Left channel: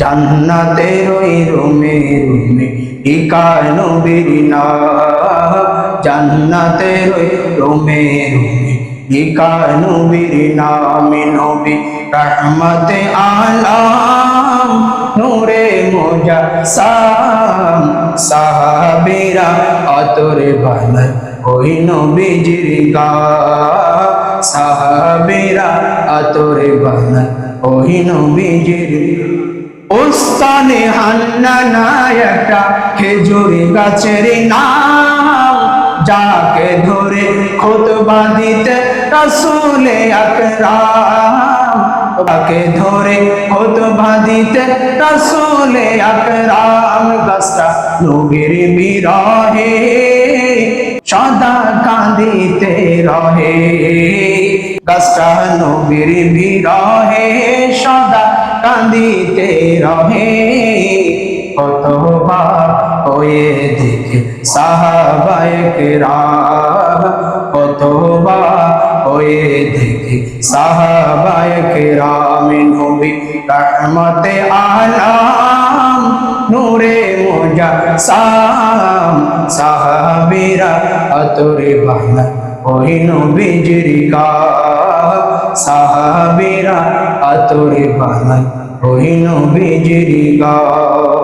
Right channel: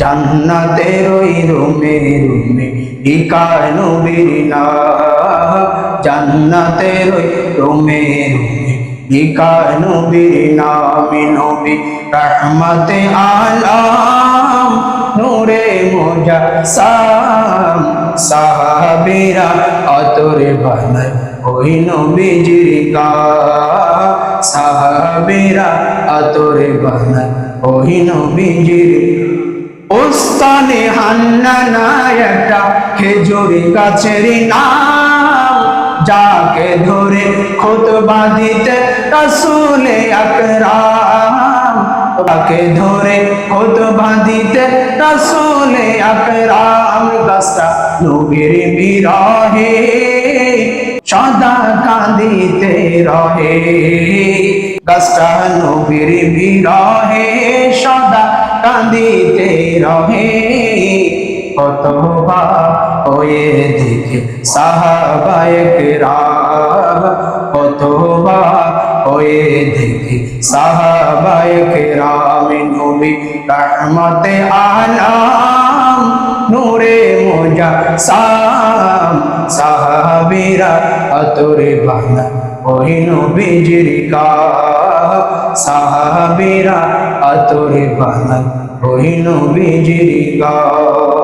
জান্নাতের ওই রুমে রুমে লিখায় নবীর নাম জান্নাতের ওই রুমে রুমে লিখায় নবীর নামে নবী রহমতে আলাম, নূরে মোজা সাম সাহাবিরা অতরে বানায় ওই নবীজির গা। সাহাবিরা আতরে বানায় ওই নবীজির ওস্তানে হান্নানা একটা খেজুর গাছের নাম, যাকে ধরে খোতবা দিতে রসুলে আকরাম। তাকে ধরে খোতবা দিতে রসুলে আকরাম। গাছটা নবীর বিরহে, সদা কাঁদিতে রহে। গাছটা নবীর বিরহে, সদা কাঁদিতে রহে। কতবার হয়ে দেখে সাহাবায়ক রাম কতবার হয়ে দেখে সাহাবায়ক রাম নবী রহমতে আলাম, নূরে মোজা সাম সাহাবিরা আতরে বানায় ওই নবীজির গা সাহাবিরা আতরে বানায়। ওই নবীজির গা